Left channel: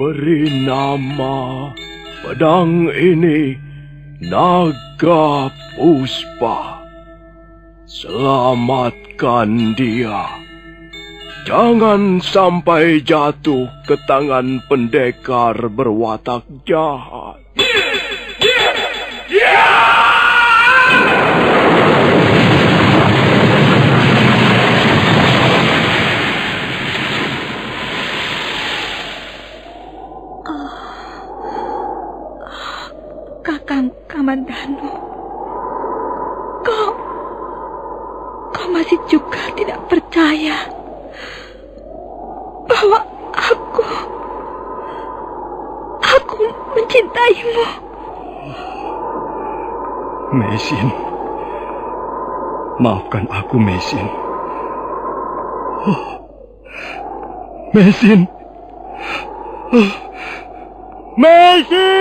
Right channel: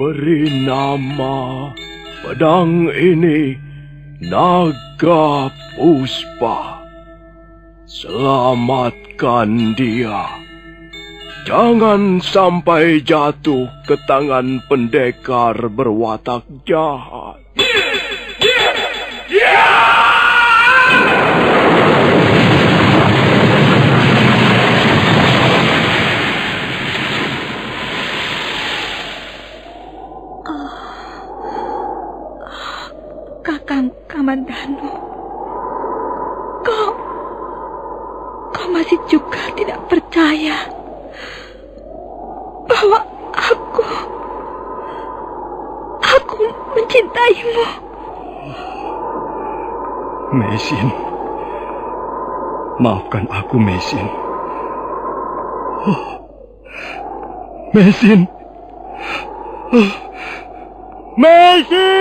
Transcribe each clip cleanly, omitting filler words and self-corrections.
Beri nama pedang ini Naga Puspa. Selamatkan dia. Jangan sampai jatuh ke tangan pendekar berwatak jahat. Kakang Kamandanu, kau masih juga tidak percaya bahwa aku mencintaimu. Mesin, maafkan aku, Mesin. Mesin, Mesin!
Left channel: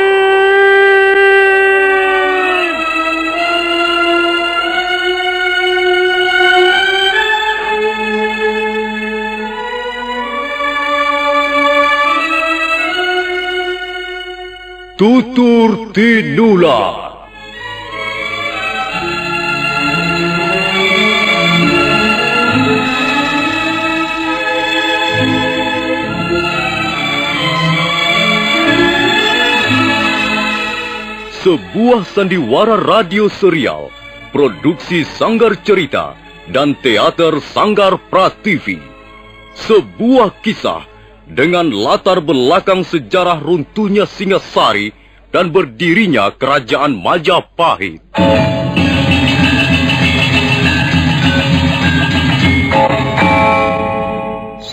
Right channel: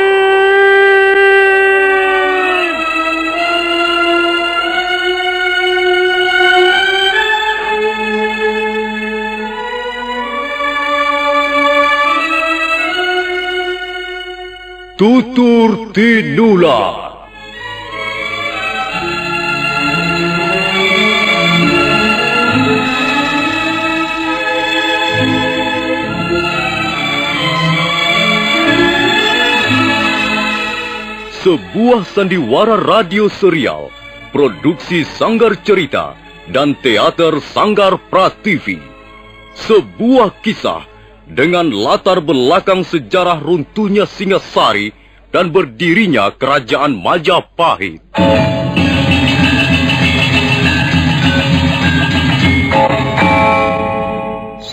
Tutur Tinular. Sebuah sandiwara radio serial, produksi Sanggar Cerita dan Teater Sanggar Prativi. Sebuah kisah dengan latar belakang sejarah runtuhnya Singasari dan berdirinya Kerajaan Majapahit.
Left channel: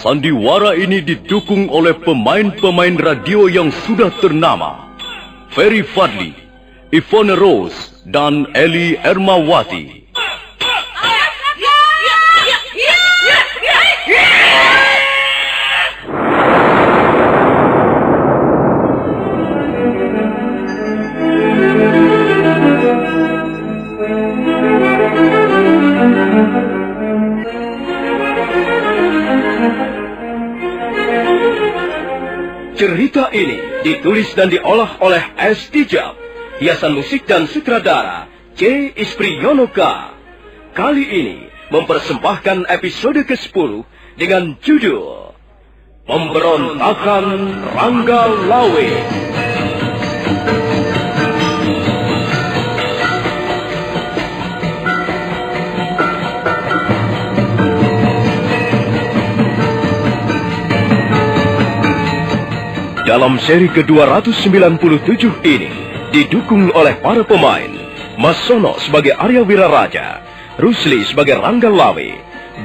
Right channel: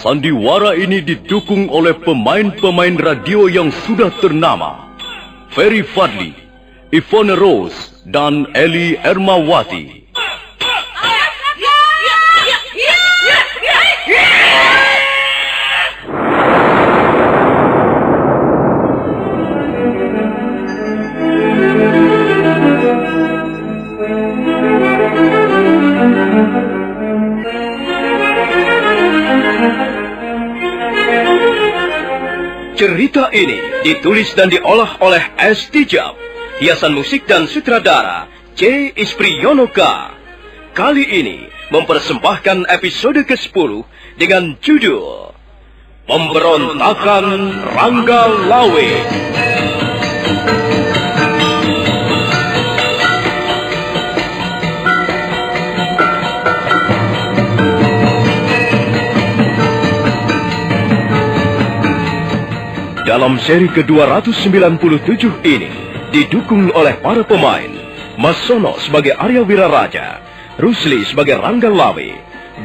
Sandiwara ini didukung oleh pemain-pemain radio yang sudah ternama. Ferry Fadli, Ivone Rose, dan Eli Ermawati. Cerita ini ditulis dan diolah oleh S. Tijab, hiasan musik dan sutradara C. Ispriyonoka. Kali ini mempersembahkan episode ke-10 dengan judul Pemberontakan Rangga Lawe. Dalam seri ke-297 ini didukung oleh para pemain Mas Sono sebagai Arya Wiraraja, Rusli sebagai Rangga Lawe,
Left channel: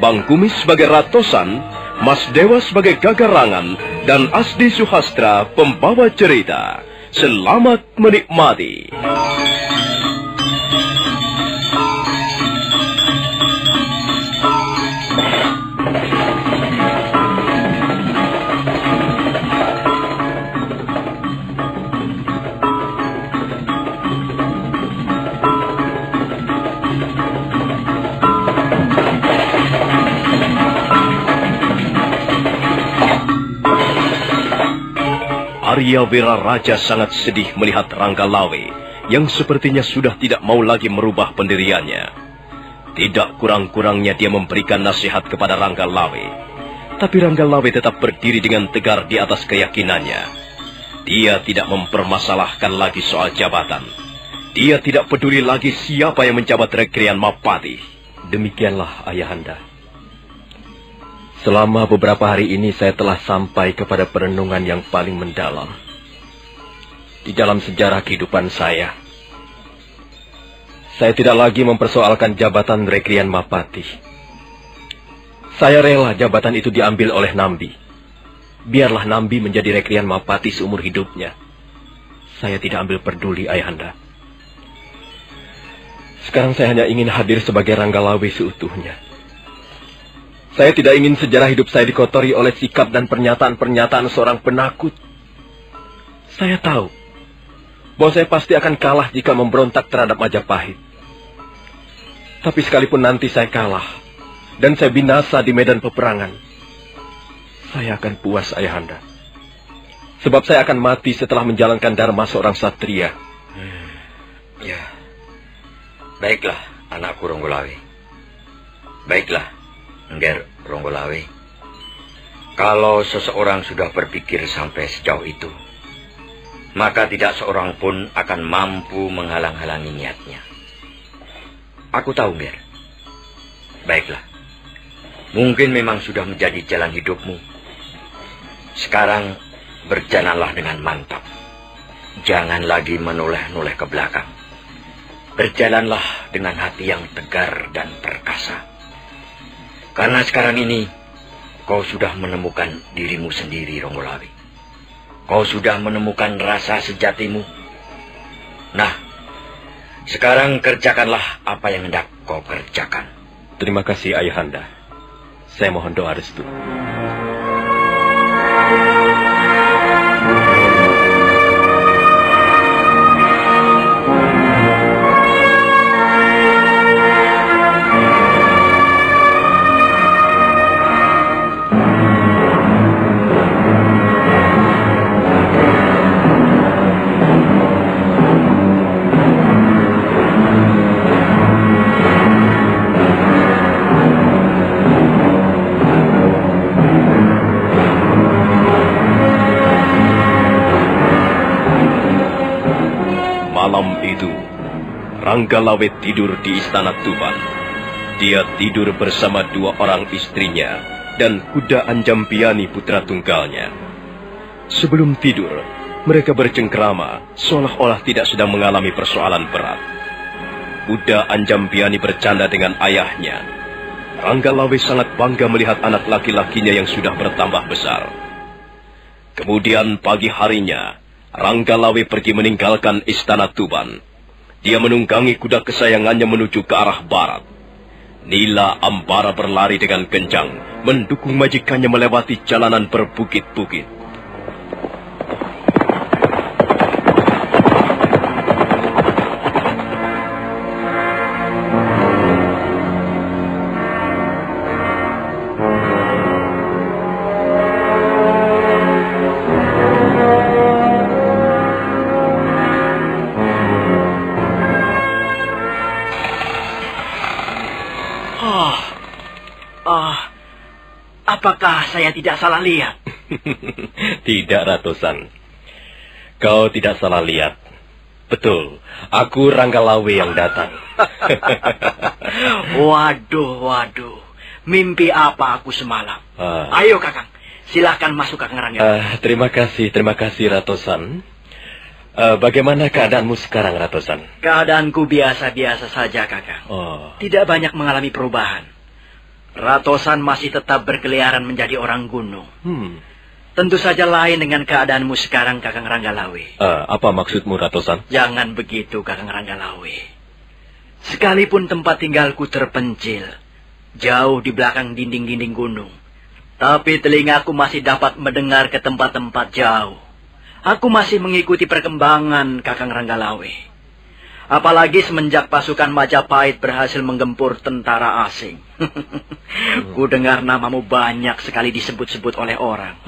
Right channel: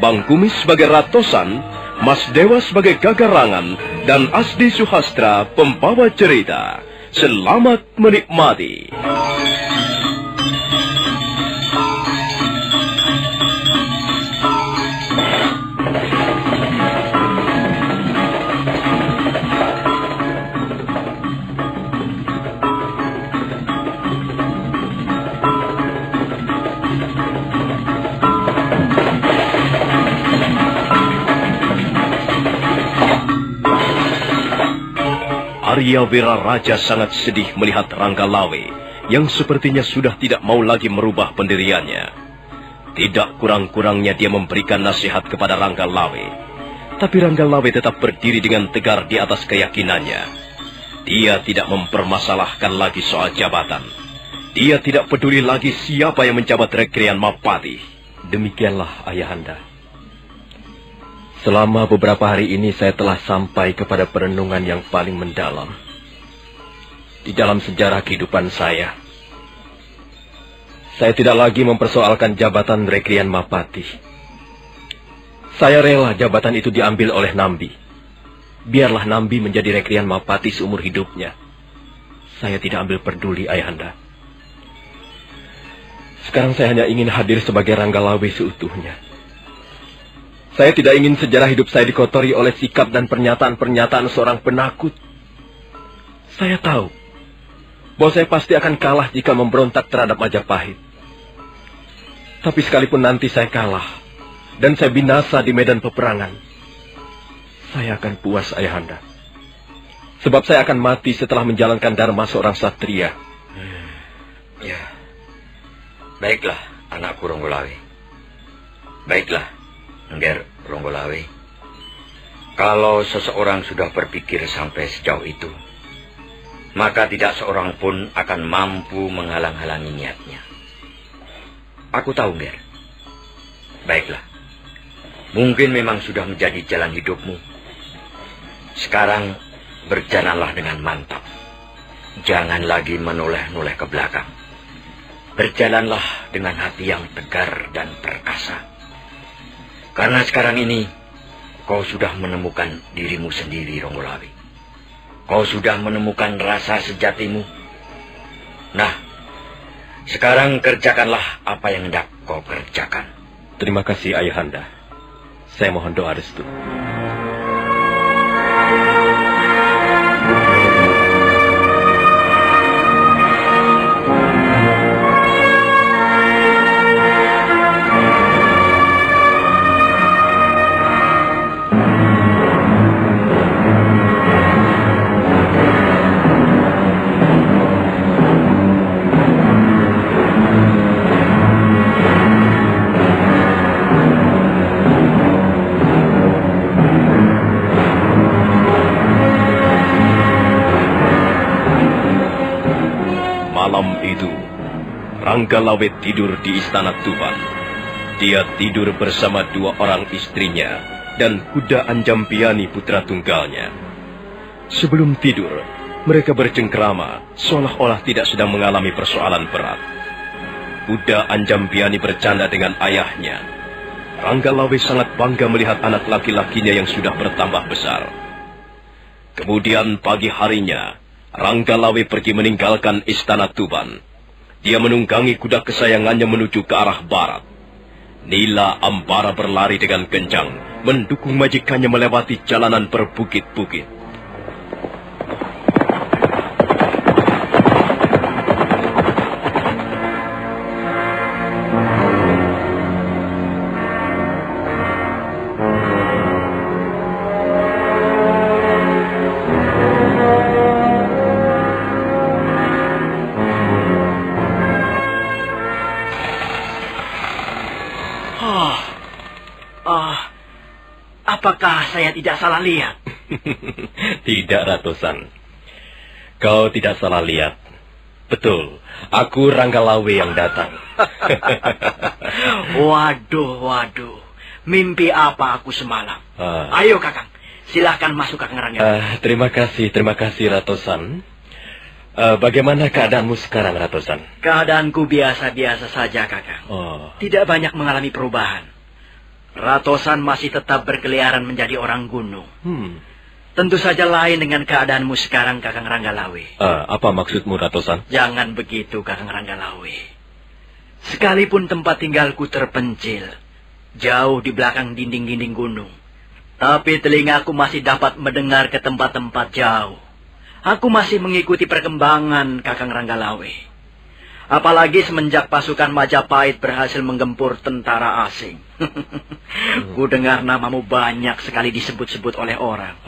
Bang Kumis sebagai Ratosan, Mas Dewa sebagai Gagarangan, dan Asdi Suhastra pembawa cerita. Selamat menikmati. Arya Wiraraja sangat sedih melihat Rangga Lawe yang sepertinya sudah tidak mau lagi merubah pendiriannya. Tidak kurang-kurangnya dia memberikan nasihat kepada Rangga Lawe, tapi Rangga Lawe tetap berdiri dengan tegar di atas keyakinannya. Dia tidak mempermasalahkan lagi soal jabatan. Dia tidak peduli lagi siapa yang menjabat Rekrian Mapati. Demikianlah ayahanda. Selama beberapa hari ini saya telah sampai kepada perenungan yang paling mendalam di dalam sejarah kehidupan saya. Saya tidak lagi mempersoalkan jabatan Rekrian Mapati. Saya rela jabatan itu diambil oleh Nambi. Biarlah Nambi menjadi Rekrian Mapati seumur hidupnya. Saya tidak ambil peduli, ayahanda. Sekarang saya hanya ingin hadir sebagai Rangga Lawe seutuhnya. Saya tidak ingin sejarah hidup saya dikotori oleh sikap dan pernyataan-pernyataan seorang penakut. Saya tahu bahwa saya pasti akan kalah jika memberontak terhadap Majapahit. Tapi sekalipun nanti saya kalah dan saya binasa di medan peperangan, saya akan puas, ayahanda. Sebab saya akan mati setelah menjalankan dharma seorang satria. Ya. Baiklah, anakku Ronggolawe. Baiklah, Nger Ronggolawe. Kalau seseorang sudah berpikir sampai sejauh itu, maka tidak seorang pun akan mampu menghalang-halangi niatnya. Aku tahu, Nger. Baiklah. Mungkin memang sudah menjadi jalan hidupmu. Sekarang berjalanlah dengan mantap. Jangan lagi menoleh-noleh ke belakang. Berjalanlah dengan hati yang tegar dan perkasa. Karena sekarang ini kau sudah menemukan dirimu sendiri, Ronggolawe. Kau sudah menemukan rasa sejatimu. Nah, sekarang kerjakanlah apa yang hendak kau kerjakan. Terima kasih, Ayahanda. Saya mohon doa restu. Ranggalawe tidur di istana Tuban. Dia tidur bersama 2 orang istrinya dan kuda Anjampiani putra tunggalnya. Sebelum tidur, mereka bercengkrama seolah-olah tidak sedang mengalami persoalan berat. Kuda Anjampiani bercanda dengan ayahnya. Ranggalawe sangat bangga melihat anak laki-lakinya yang sudah bertambah besar. Kemudian pagi harinya, Ranggalawe pergi meninggalkan istana Tuban. Dia menunggangi kuda kesayangannya menuju ke arah barat. Nila Ambara berlari dengan kencang, mendukung majikannya melewati jalanan berbukit-bukit. Apakah saya tidak salah lihat? Tidak, Ratosan. Kau tidak salah lihat. Betul, aku Ranggalawe yang datang. Waduh. Mimpi apa aku semalam? Ayo, Kakang. Silahkan masuk, Kakang Rangga. Terima kasih, Ratosan. Bagaimana keadaanmu sekarang, Ratosan? Keadaanku biasa-biasa saja, Kakang. Tidak banyak mengalami perubahan. Ratosan masih tetap berkeliaran menjadi orang gunung. Tentu saja lain dengan keadaanmu sekarang, Kakang Ranggalawe. Apa maksudmu, Ratosan? Jangan begitu, Kakang Ranggalawe. Sekalipun tempat tinggalku terpencil, jauh di belakang dinding-dinding gunung, tapi telingaku masih dapat mendengar ke tempat-tempat jauh. Aku masih mengikuti perkembangan, Kakang Ranggalawe. Apalagi semenjak pasukan Majapahit berhasil menggempur tentara asing. Ku dengar namamu banyak sekali disebut-sebut oleh orang.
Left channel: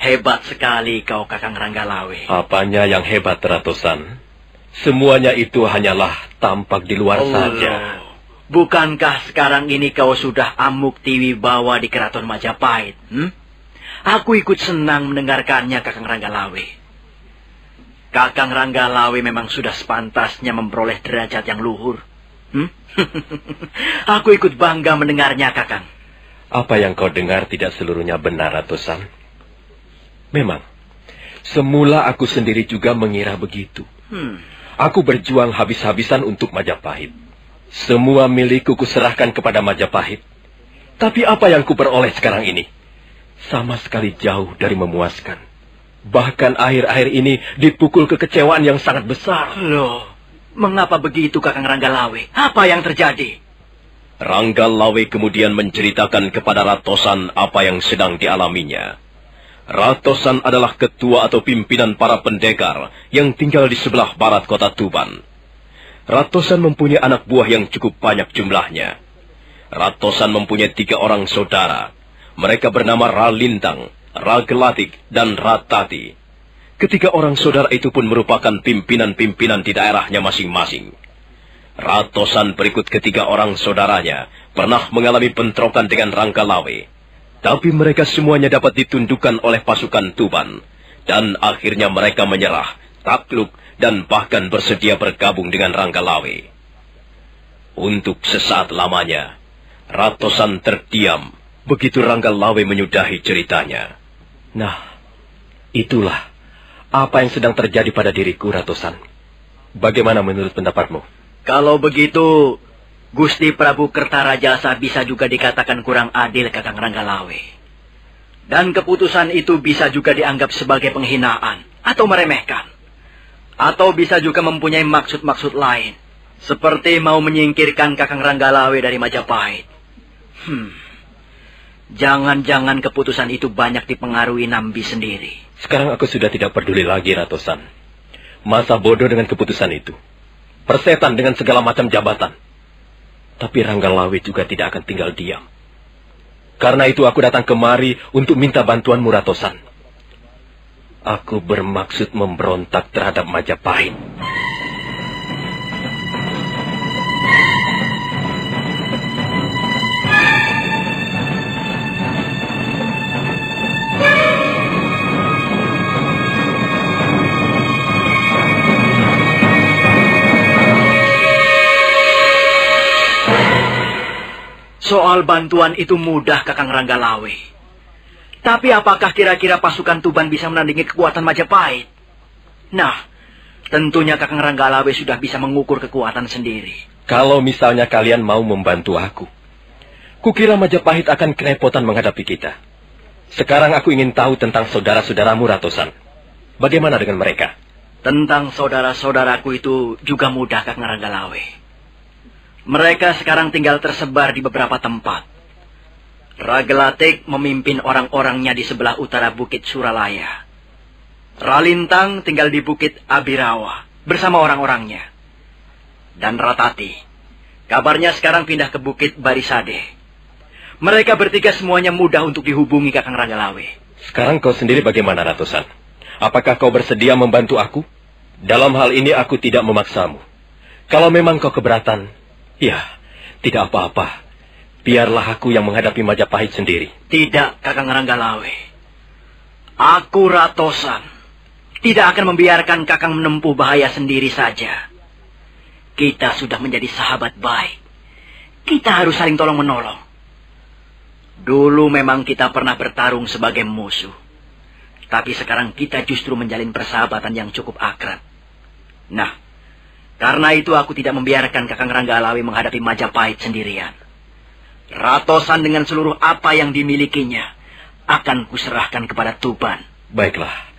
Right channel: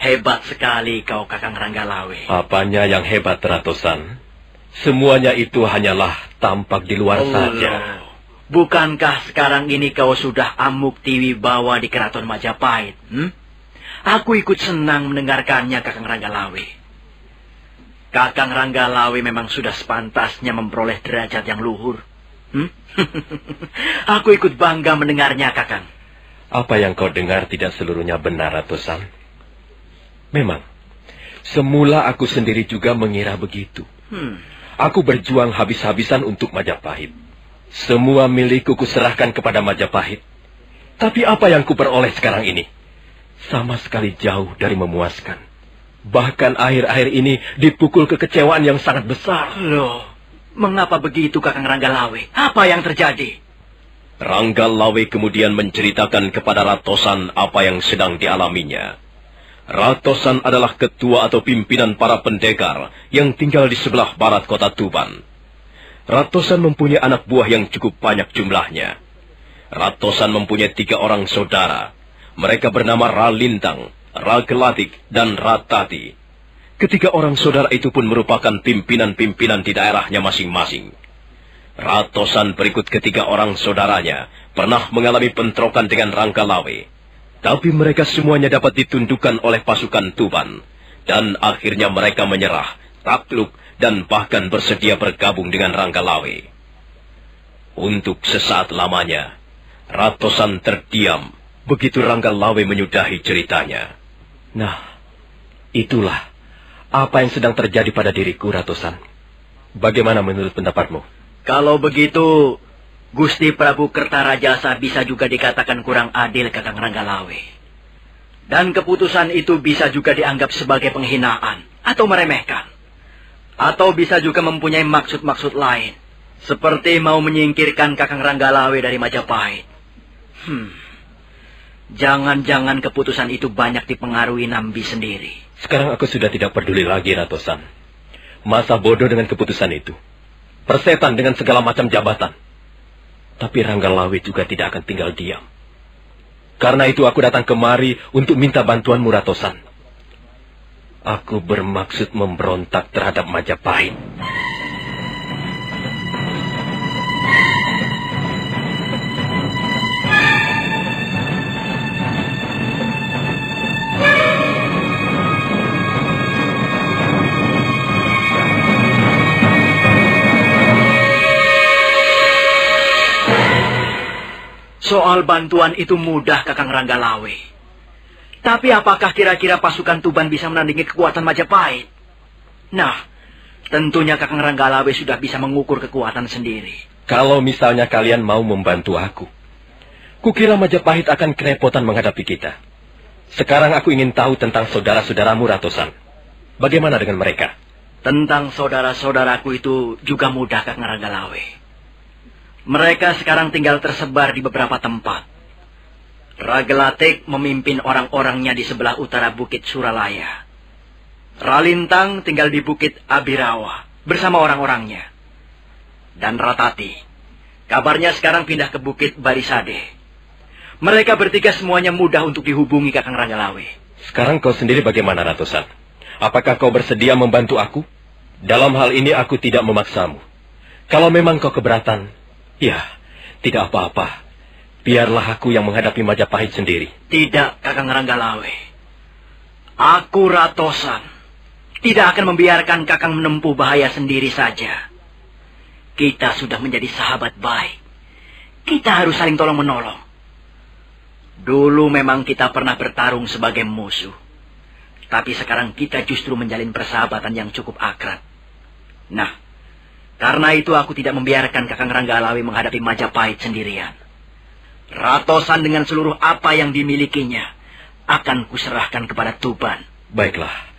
Hebat sekali kau, Kakang Ranggalawe. Apanya yang hebat, Ratosan? Semuanya itu hanyalah tampak di luar saja. Bukankah sekarang ini kau sudah amuk tiwibawa di keraton Majapahit? Aku ikut senang mendengarkannya, Kakang Ranggalawe. Kakang Ranggalawe memang sudah sepantasnya memperoleh derajat yang luhur. Aku ikut bangga mendengarnya, Kakang. Apa yang kau dengar tidak seluruhnya benar, Ratosan. Memang, semula aku sendiri juga mengira begitu. Aku berjuang habis-habisan untuk Majapahit. Semua milikku kuserahkan kepada Majapahit. Tapi apa yang kuperoleh sekarang ini? Sama sekali jauh dari memuaskan. Bahkan akhir-akhir ini dipukul kekecewaan yang sangat besar. Loh, mengapa begitu, Kakang Ranggalawe? Apa yang terjadi? Ranggalawe kemudian menceritakan kepada Ratosan apa yang sedang dialaminya. Ratosan adalah ketua atau pimpinan para pendekar yang tinggal di sebelah barat kota Tuban. Ratosan mempunyai anak buah yang cukup banyak jumlahnya. Ratosan mempunyai 3 orang saudara. Mereka bernama Ralintang, Ragelatik, dan Ratati. Ketiga orang saudara itu pun merupakan pimpinan-pimpinan di daerahnya masing-masing. Ratusan berikut ketiga orang saudaranya pernah mengalami bentrokan dengan Ranggalawe. Tapi mereka semuanya dapat ditundukkan oleh pasukan Tuban. Dan akhirnya mereka menyerah, takluk, dan bahkan bersedia bergabung dengan Ranggalawe. Untuk sesaat lamanya, Ratosan terdiam begitu Ranggalawe menyudahi ceritanya. Nah, itulah apa yang sedang terjadi pada diriku, Ratosan. Bagaimana menurut pendapatmu? Kalau begitu, Gusti Prabu Kertarajasa bisa juga dikatakan kurang adil, Kakang Ranggalawe. Dan keputusan itu bisa juga dianggap sebagai penghinaan atau meremehkan. Atau bisa juga mempunyai maksud-maksud lain. Seperti mau menyingkirkan Kakang Ranggalawe dari Majapahit. Jangan-jangan keputusan itu banyak dipengaruhi Nambi sendiri. Sekarang aku sudah tidak peduli lagi, Ratosan. Masa bodoh dengan keputusan itu. Persetan dengan segala macam jabatan. Tapi Ranggalawe juga tidak akan tinggal diam. Karena itu aku datang kemari untuk minta bantuanmu, Ratosan. Aku bermaksud memberontak terhadap Majapahit. Soal bantuan itu mudah, Kakang Ranggalawe. Tapi apakah kira-kira pasukan Tuban bisa menandingi kekuatan Majapahit? Nah, tentunya Kakang Ranggalawe sudah bisa mengukur kekuatan sendiri. Kalau misalnya kalian mau membantu aku, kukira Majapahit akan kerepotan menghadapi kita. Sekarang aku ingin tahu tentang saudara-saudaramu, Ratosan. Bagaimana dengan mereka? Tentang saudara-saudaraku itu juga mudah, Kakang Ranggalawe. Mereka sekarang tinggal tersebar di beberapa tempat. Ragelatik memimpin orang-orangnya di sebelah utara Bukit Suralaya. Ralintang tinggal di Bukit Abirawa bersama orang-orangnya. Dan Ratati, kabarnya sekarang pindah ke Bukit Barisade. Mereka bertiga semuanya mudah untuk dihubungi, Kakang Ranggalawe. Sekarang kau sendiri bagaimana, Ratosan? Apakah kau bersedia membantu aku? Dalam hal ini aku tidak memaksamu. Kalau memang kau keberatan, ya, tidak apa-apa. Biarlah aku yang menghadapi Majapahit sendiri. Tidak, Kakang Ranggalawe. Aku Ratosan tidak akan membiarkan Kakang menempuh bahaya sendiri saja. Kita sudah menjadi sahabat baik. Kita harus saling tolong-menolong. Dulu memang kita pernah bertarung sebagai musuh. Tapi sekarang kita justru menjalin persahabatan yang cukup akrab. Nah, karena itu aku tidak membiarkan Kakang Ranggalawe menghadapi Majapahit sendirian. Ratosan dengan seluruh apa yang dimilikinya akan kuserahkan kepada Tuban. Baiklah,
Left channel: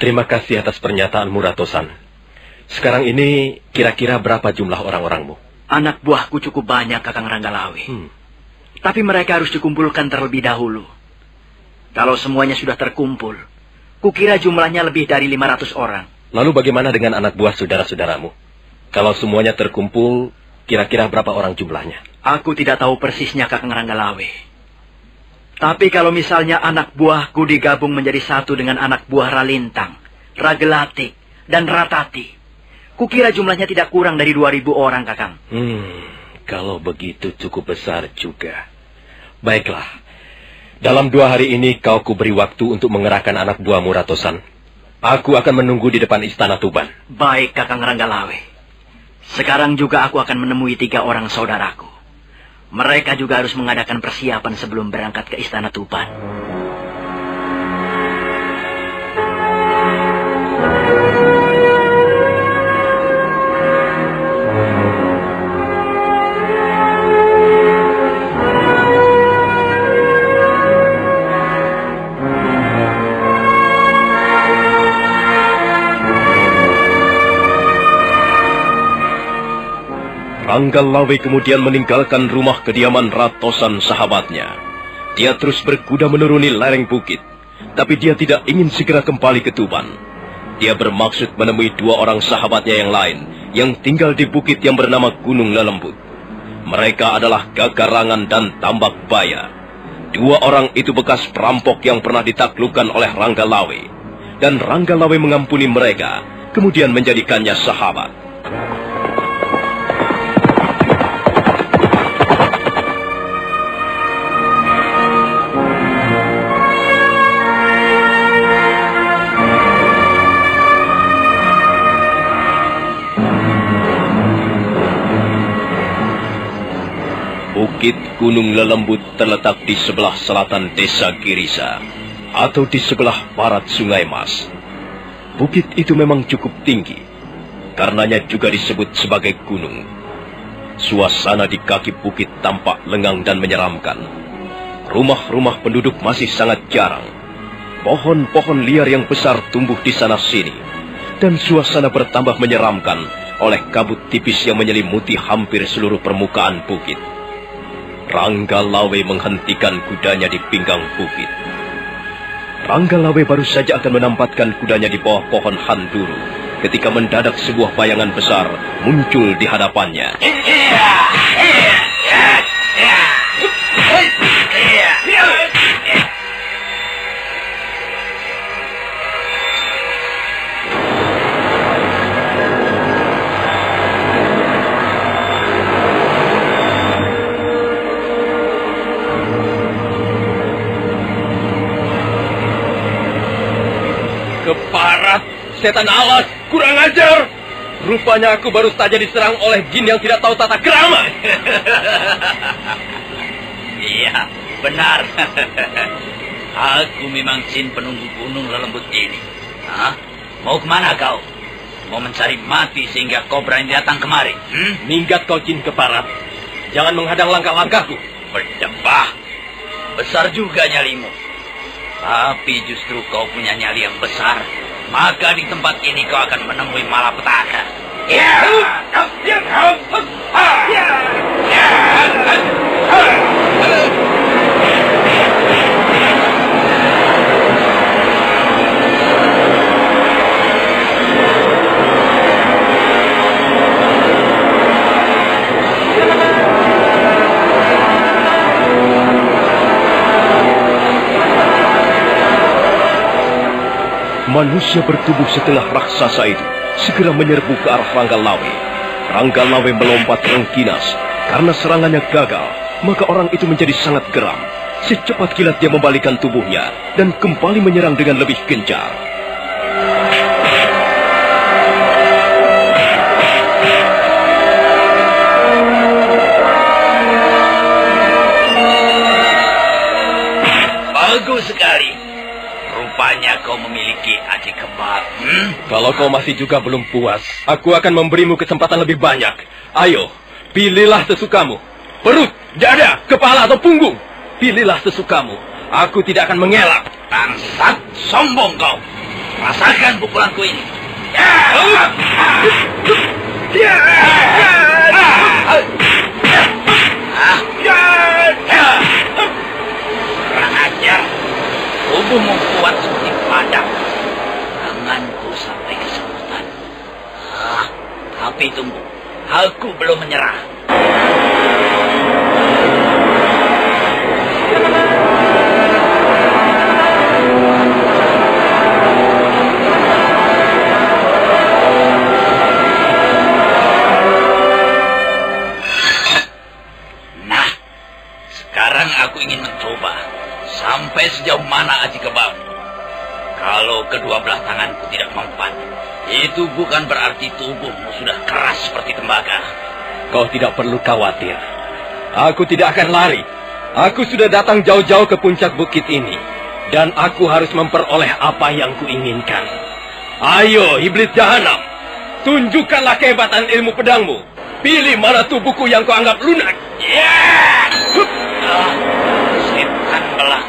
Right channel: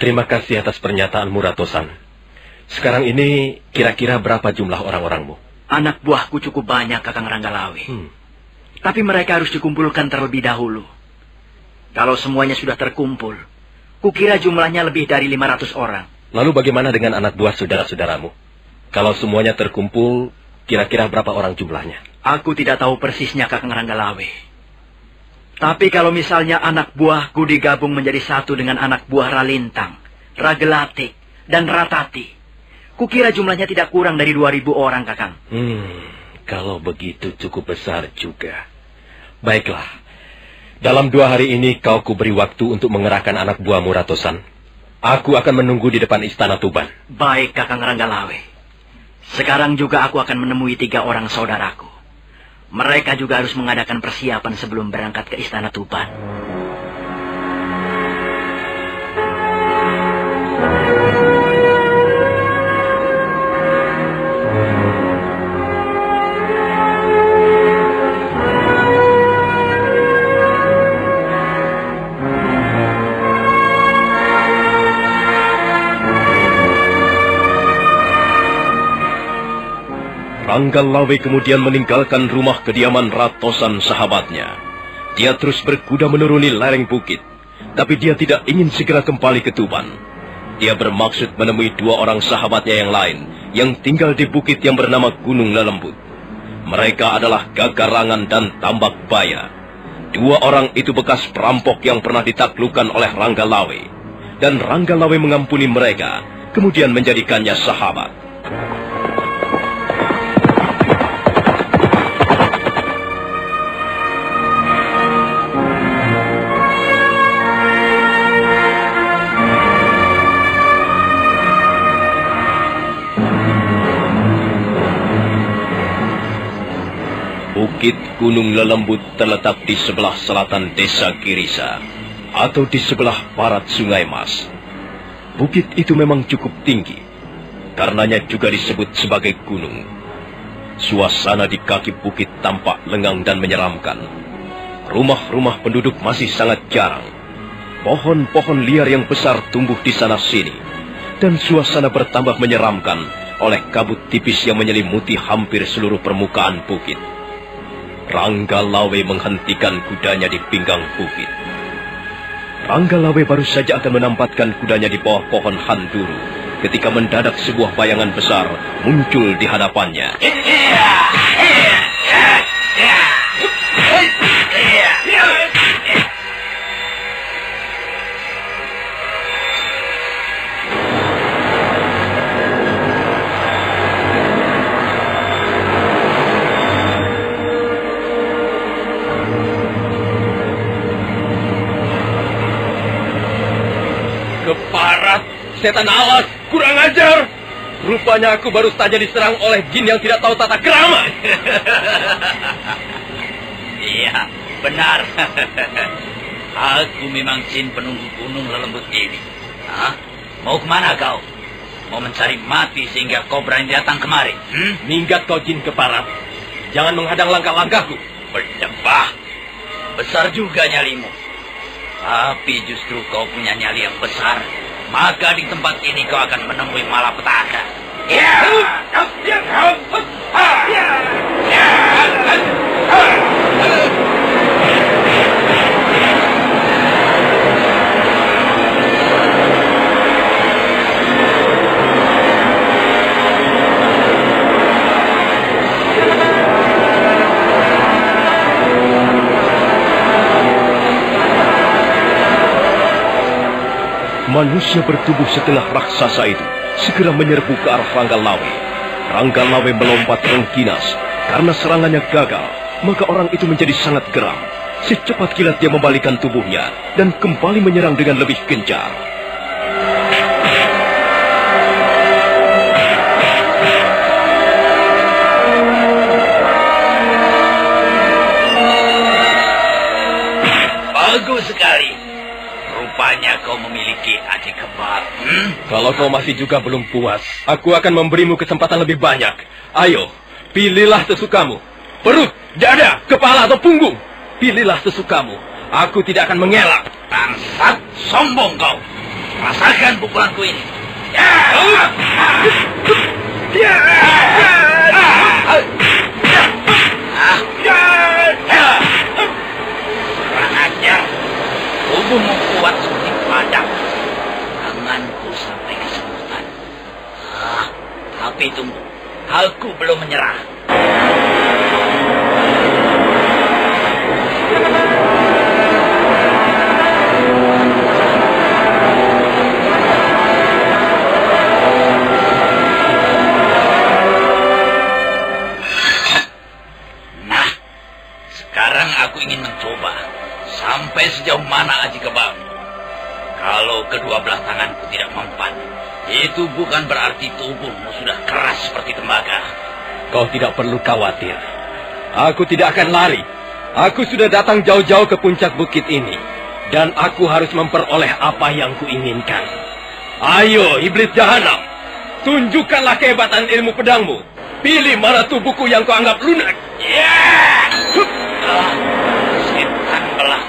terima kasih atas pernyataanmu, Ratosan. Sekarang ini kira-kira berapa jumlah orang-orangmu? Anak buahku cukup banyak, Kakang Ranggalawe. Tapi mereka harus dikumpulkan terlebih dahulu. Kalau semuanya sudah terkumpul, kukira jumlahnya lebih dari 500 orang. Lalu bagaimana dengan anak buah saudara-saudaramu? Kalau semuanya terkumpul, kira-kira berapa orang jumlahnya? Aku tidak tahu persisnya, Kakang Ranggalawe. Tapi kalau misalnya anak buahku digabung menjadi satu dengan anak buah Ralintang, Ragelatik, dan Ratati, kukira jumlahnya tidak kurang dari 2.000 orang, Kakang. Kalau begitu cukup besar juga. Baiklah, dalam 2 hari ini kau kuberi waktu untuk mengerahkan anak buahmu, Ratosan. Aku akan menunggu di depan istana Tuban. Baik, Kakang Ranggalawe. Sekarang juga aku akan menemui 3 orang saudaraku. Mereka juga harus mengadakan persiapan sebelum berangkat ke istana Tuban. Ranggalawe kemudian meninggalkan rumah kediaman Ratosan sahabatnya. Dia terus berkuda menuruni lereng bukit, tapi dia tidak ingin segera kembali ke Tuban. Dia bermaksud menemui 2 orang sahabatnya yang lain, yang tinggal di bukit yang bernama Gunung Lelembut. Mereka adalah Gagarangan dan Tambak Baya. Dua orang itu bekas perampok yang pernah ditaklukkan oleh Ranggalawe. Dan Ranggalawe mengampuni mereka, kemudian menjadikannya sahabat. Bukit Gunung Lelembut terletak di sebelah selatan desa Girisa, atau di sebelah barat Sungai Mas. Bukit itu memang cukup tinggi, karenanya juga disebut sebagai gunung. Suasana di kaki bukit tampak lengang dan menyeramkan. Rumah-rumah penduduk masih sangat jarang. Pohon-pohon liar yang besar tumbuh di sana-sini, dan suasana bertambah menyeramkan oleh kabut tipis yang menyelimuti hampir seluruh permukaan bukit. Ranggalawe menghentikan kudanya di pinggang bukit. Ranggalawe baru saja akan menampatkan kudanya di bawah pohon handuru ketika mendadak sebuah bayangan besar muncul di hadapannya. Keparat, setan awas, kurang ajar. Rupanya aku baru saja diserang oleh jin yang tidak tahu tata krama. Iya, benar. Aku memang jin penunggu gunung lelembut ini. Hah? Mau kemana kau? Mau mencari mati sehingga kau berani datang kemari? Minggat kau jin keparat. Jangan menghadang langkah-langkahku. Berdebah. Besar juga nyalimu. Tapi justru kau punya nyali yang besar. Maka di tempat ini kau akan menemui malapetaka. Manusia bertubuh setengah raksasa itu segera menyerbu ke arah Ranggalawe. Ranggalawe melompat terengginas. Karena serangannya gagal, maka orang itu menjadi sangat geram. Secepat kilat dia membalikkan tubuhnya dan kembali menyerang dengan lebih gencar. Bagus sekali. Rupanya kau memiliki adik kembar. Kalau kau masih juga belum puas, aku akan memberimu kesempatan lebih banyak. Ayo, pilihlah sesukamu. Perut, dada, kepala atau punggung. Pilihlah sesukamu. Aku tidak akan mengelak. Bangsat, sombong kau. Rasakan pukulanku ini. Tubuhmu kuat seperti padang. Tanganku sampai kesemutan. Tapi tunggu, aku belum menyerah. Nah, sekarang aku ingin mencoba. Sampai sejauh mana aji kebangmu? Kalau kedua belah tanganku tidak mempan, itu bukan berarti tubuhmu sudah keras seperti tembaga. Kau tidak perlu khawatir. Aku tidak akan lari. Aku sudah datang jauh-jauh ke puncak bukit ini. Dan aku harus memperoleh apa yang kuinginkan. Ayo, iblis jahanam. Tunjukkanlah kehebatan ilmu pedangmu. Pilih mana tubuhku yang kau anggap lunak. Setan belang.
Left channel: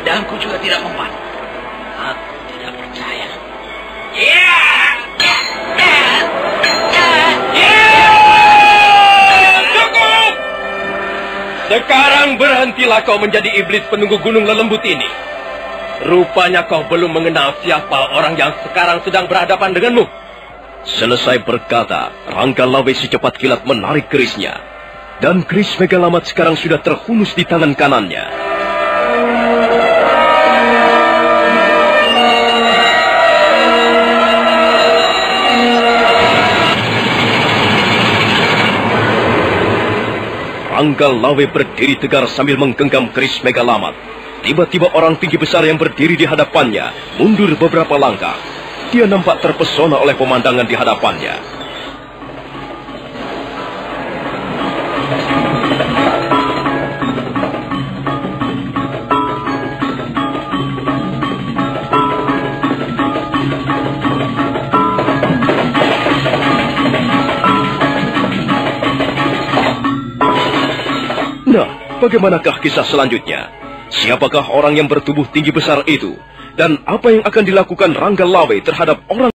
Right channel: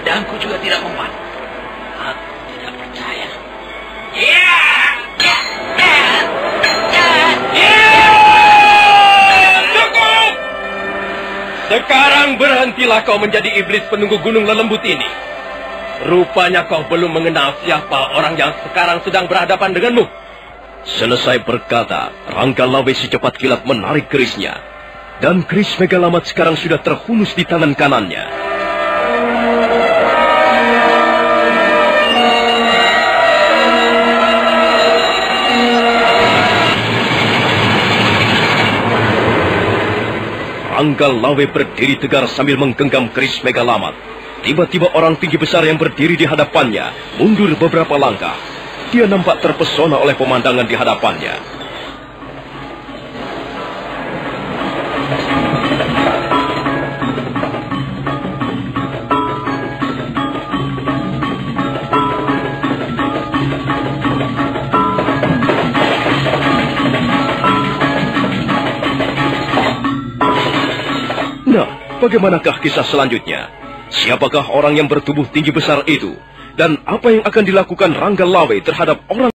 Pedangku juga tidak mempan. Aku tidak percaya. Cukup! Sekarang berhentilah kau menjadi iblis penunggu gunung lelembut ini. Rupanya kau belum mengenal siapa orang yang sekarang sedang berhadapan denganmu. Selesai berkata, Ranggalawe secepat kilat menarik kerisnya. Dan keris Megalamat sekarang sudah terhunus di tangan kanannya. Ranggalawe berdiri tegar sambil menggenggam keris Megalamat. Tiba-tiba orang tinggi besar yang berdiri di hadapannya mundur beberapa langkah. Dia nampak terpesona oleh pemandangan di hadapannya. Nah, bagaimanakah kisah selanjutnya? Siapakah orang yang bertubuh tinggi besar itu? Dan apa yang akan dilakukan Ranggalawe terhadap orang